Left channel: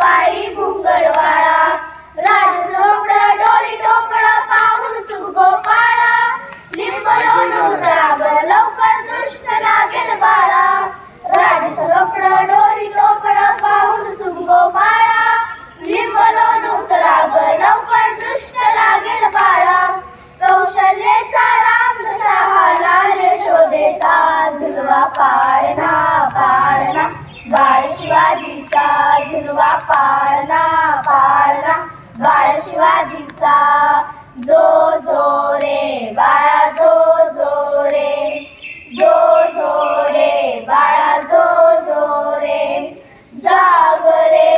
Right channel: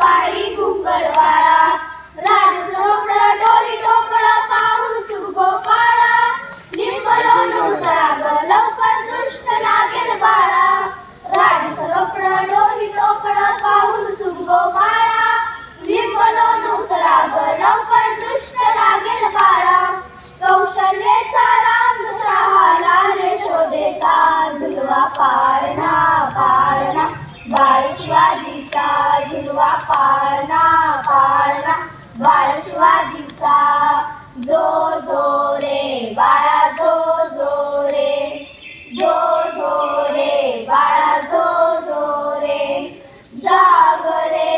पायी गुंगडवाळा राजसो झुलवा पाळणा पाळणा बाळ शिवाजीचा. जो जो रे बाळा जो जो रे. जो जो रे बाळा जो जो रे. जाग रे